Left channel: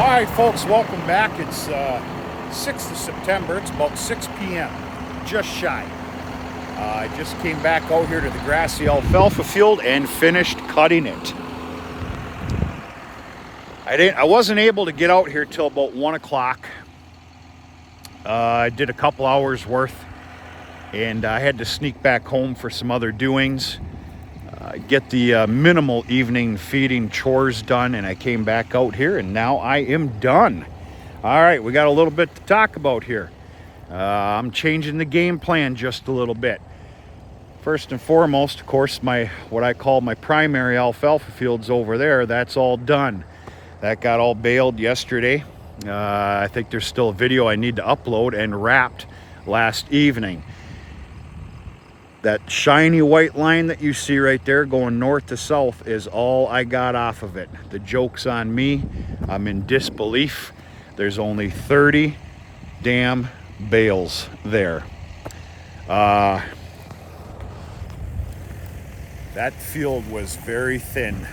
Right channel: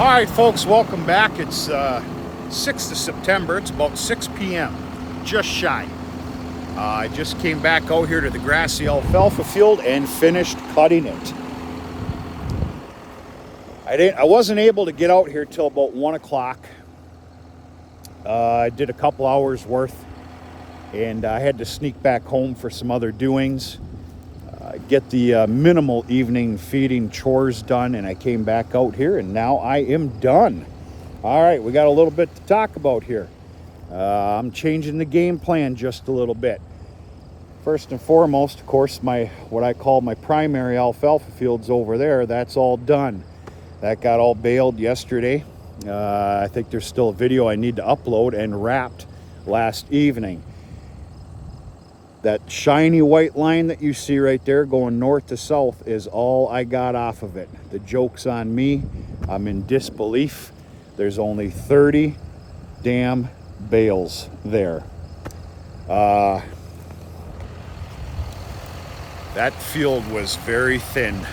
All right, folks, welcome back. It's 6th of September. It's about 6 p.m., just shy. I just came back out here to the grassy alfalfa field and finished cutting it. I wasn't able to get out here till about 1 o'clock. I did a couple hours worth, and I had to sneak back home for some other doings. Get the minimal evening feeding chores done, and I came back out here and now I am done. All right, we got a little bit to talk about here. I'm changing the game plan just a little bit. First and foremost, of course, what I call my primary alfalfa fields over there, that's all done. That got all baled yesterday. I think there's still a video I need to upload, and wrapped last evening. That shiny white line that you see right there going north to south is all I got off of it. The joke's on me. I'm in disbelief. There's only 30 damn bales there. That field was very thin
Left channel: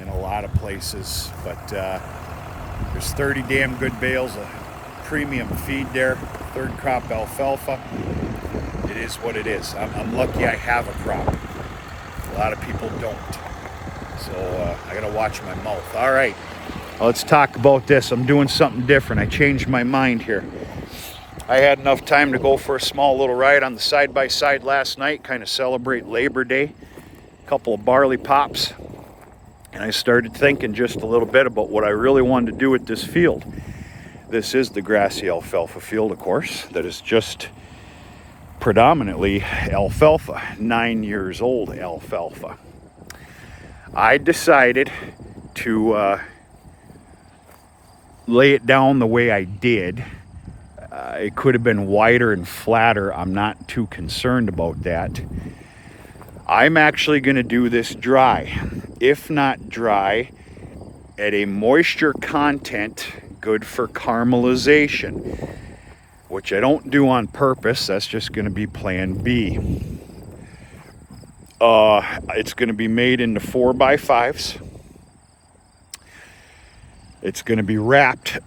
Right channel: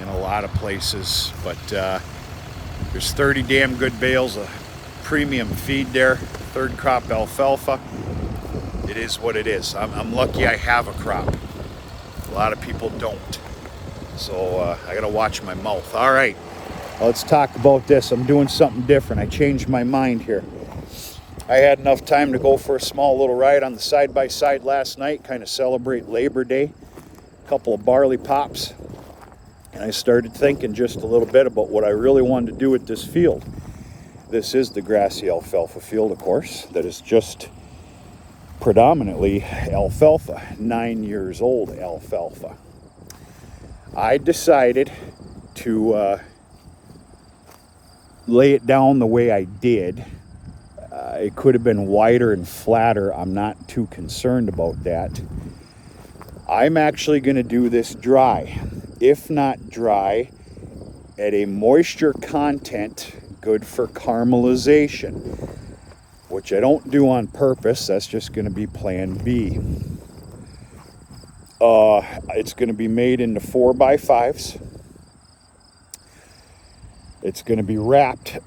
in a lot of places, but there's 30 damn good bales of premium feed there, third crop alfalfa. It is what it is. I'm lucky I have a crop. A lot of people don't. So I gotta watch my mouth. All right, let's talk about this. I'm doing something different. I changed my mind here. I had enough time to go for a small little ride on the side-by-side last night, kind of celebrate Labor Day. A couple of barley pops. And I started thinking just a little bit about what I really wanted to do with this field. This is the grassy alfalfa field, of course, that is just predominantly alfalfa, 9 years old alfalfa. I decided to lay it down the way I did. It could have been wider and flatter. I'm not too concerned about that. I'm actually going to do this dry, if not dry, at a moisture content good for caramelization, which I don't do on purpose. That's just going to be plan B. It's going to be made into 4x5s. It's going to be wrapped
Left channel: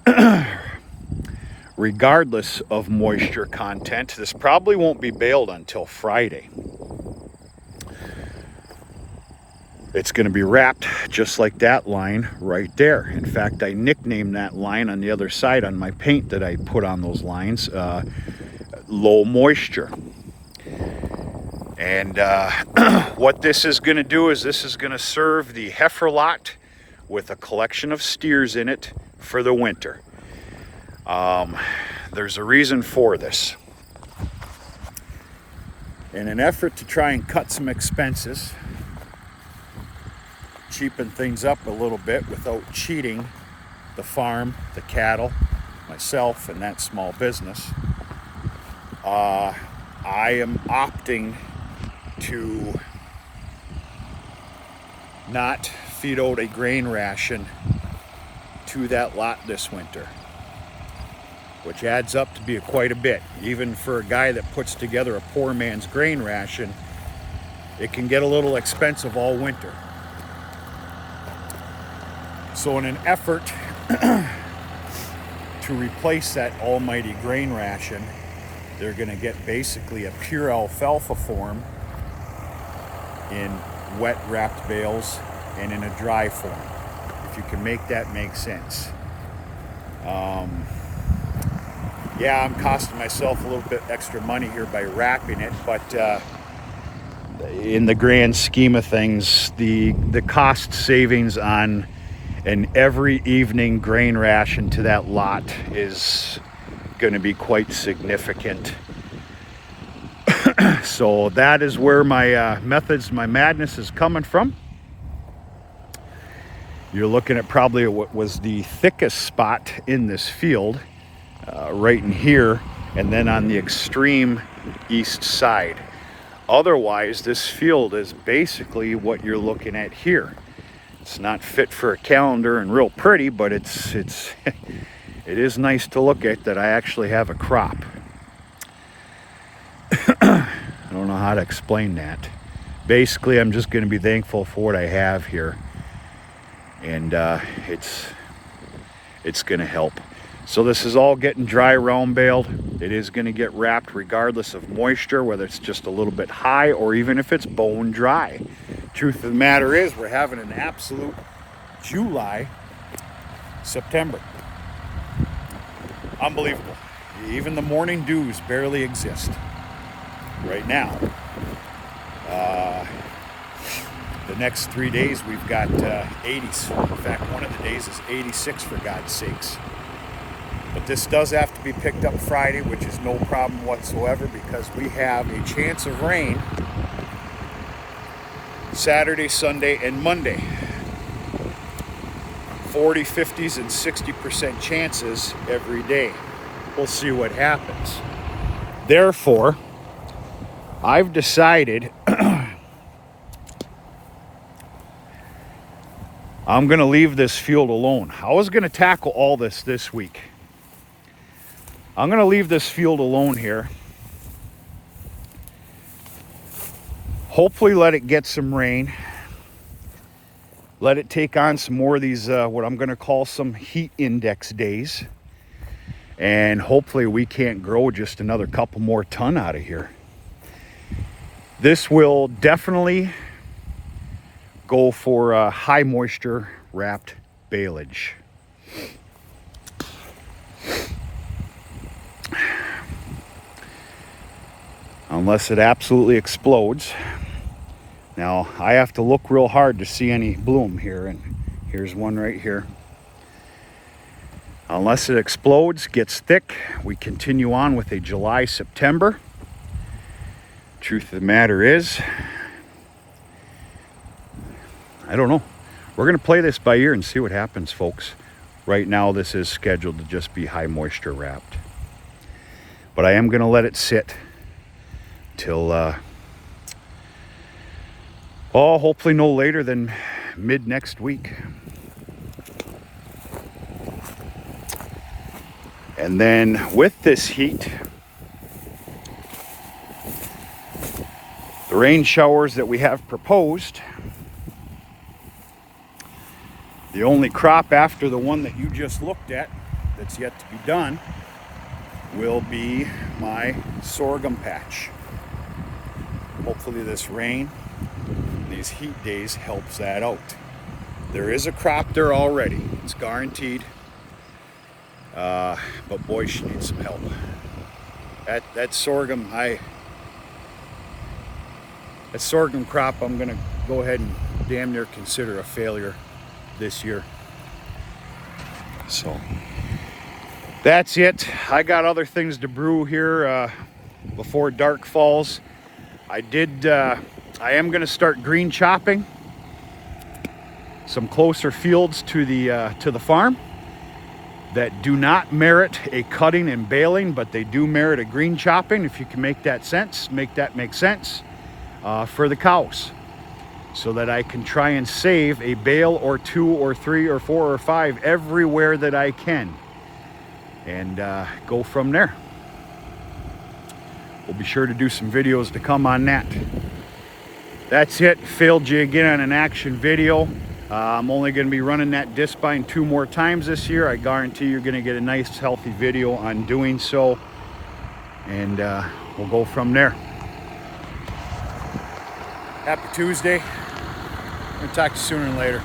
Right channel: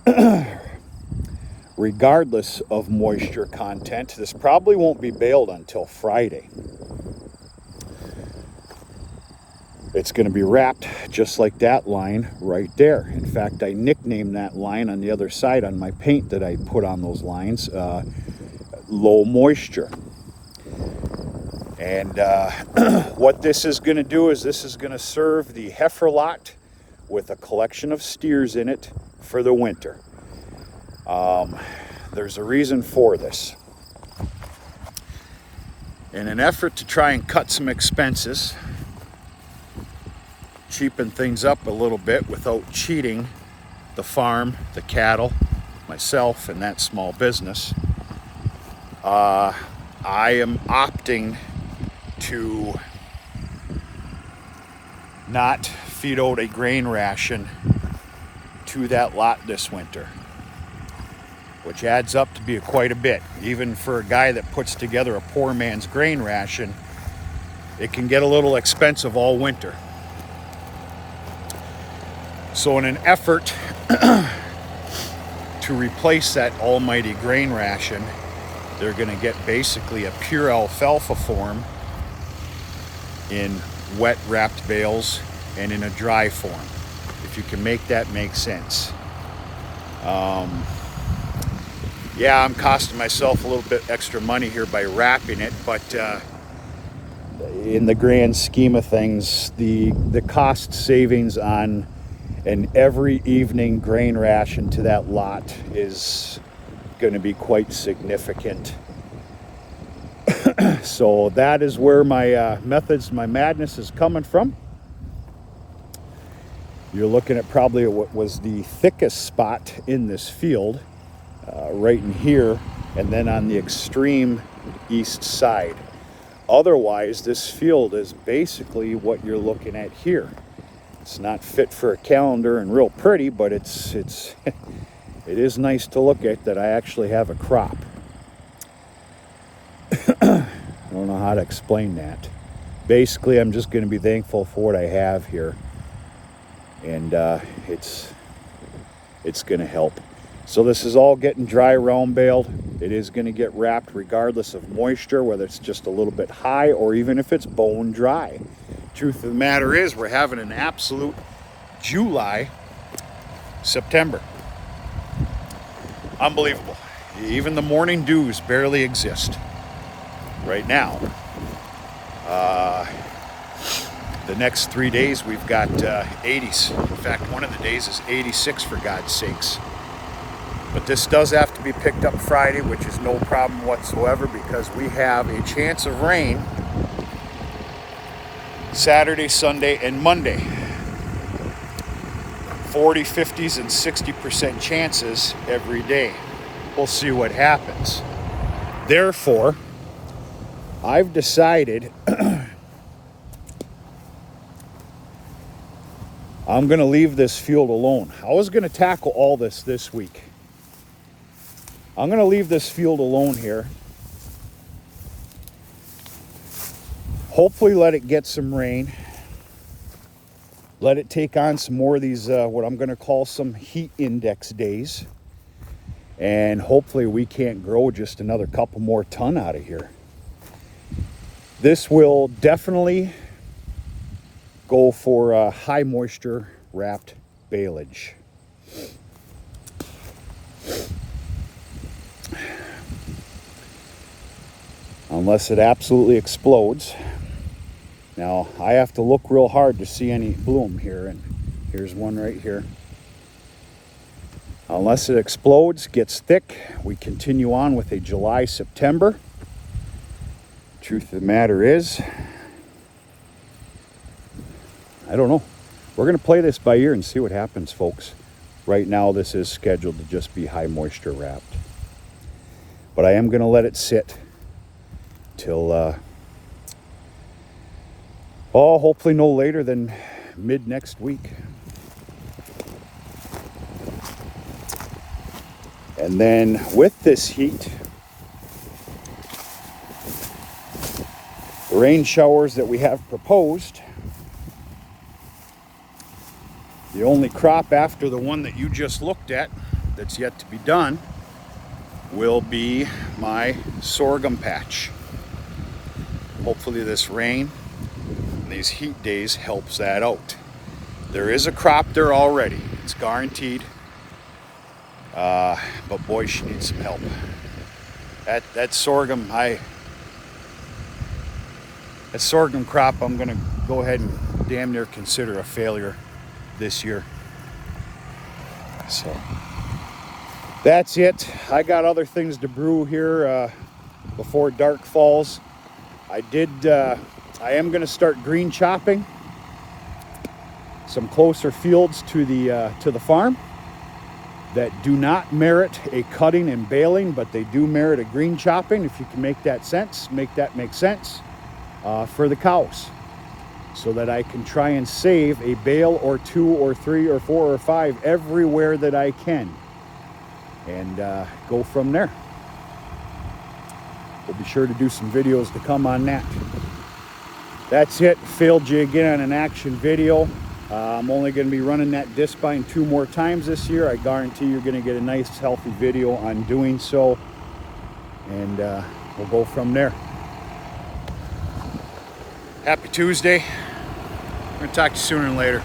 regardless of moisture content. This probably won't be baled until Friday. It's going to be wrapped just like that line right there. In fact, I nicknamed that line on the other side on my paint that I put on those lines, low moisture. And what this is going to do is this is going to serve the heifer lot with a collection of steers in it for the winter. There's a reason for this. In an effort to try and cut some expenses, cheapen things up a little bit without cheating the farm, the cattle, myself, and that small business, I am opting to not feed out a grain ration to that lot this winter, which adds up to be quite a bit. Even for a guy that puts together a poor man's grain ration, it can get a little expensive all winter. So in an effort to replace that almighty grain ration, they're going to get basically a pure alfalfa form in wet wrapped bales and in a dry form, if you can make that make sense. Yeah, I'm costing myself a little bit extra money here by wrapping it, but in the grand scheme of things, the cost savings on an every evening grain ration to that lot is going to be quite significant. So that is where my my madness is coming from. You're looking at probably what was the thickest spot in this field, right in here, and then on the extreme east side. Otherwise, this field is basically what you're looking at here. It's not fit for a calendar and real pretty, but it is nice to look at that I actually have a crop. I don't know how to explain that. Basically, I'm just going to be thankful for what I have here. and it's going to help. So this is all getting dry round baled. It is going to get wrapped regardless of moisture, whether it's just a little bit high or even if it's bone dry. Truth of the matter is, we're having an absolute July, September. Unbelievable. Even the morning dews barely exist right now. The next 3 days we've got 80s. In fact, one of the days is 86, for God's sakes. But this does have to be picked up Friday, which is no problem whatsoever, because we have a chance of rain Saturday, Sunday, and Monday. 40, 50s, and 60% chances every day. We'll see what happens. Therefore, I've decided I'm going to leave this field alone. I was going to tackle all this week. I'm going to leave this field alone here. Hopefully let it get some rain. Let it take on some more of these, what I'm going to call some heat index days. And hopefully we can't grow just another couple more ton out of here. This will definitely go for high moisture wrapped baleage. Unless it absolutely explodes. Now I have to look real hard to see any bloom here, and here's one right here. Unless it explodes, gets thick, we continue on with a July, September. Truth of the matter is, I don't know. We're going to play this by ear and see what happens, folks. Right now, this is scheduled to just be high moisture wrapped. But I am going to let it sit till, hopefully no later than mid next week. And then with this heat, the rain showers that we have proposed, the only crop after the one that you just looked at that's yet to be done will be my sorghum patch. Hopefully this rain and these heat days helps that out. There is a crop there already, it's guaranteed. But boy, she needs some help. That sorghum crop, I'm gonna go ahead and damn near consider a failure this year. So that's it. I got other things to brew here before dark falls. I am gonna start green chopping some closer fields to the farm that do not merit a cutting and baling, but they do merit a green chopping, if you can make that make sense for the cows, so that I can try and save a bale or 2 or 3 or 4 or 5 everywhere that I can, and go from there. We'll be sure to do some videos to come on that. That's it. Failed you again on an action video. I'm only going to be running that disc bind 2 more times this year. I guarantee you're going to get a nice healthy video on doing so, and we'll go from there. Happy Tuesday. I'm going to talk to you sooner than later.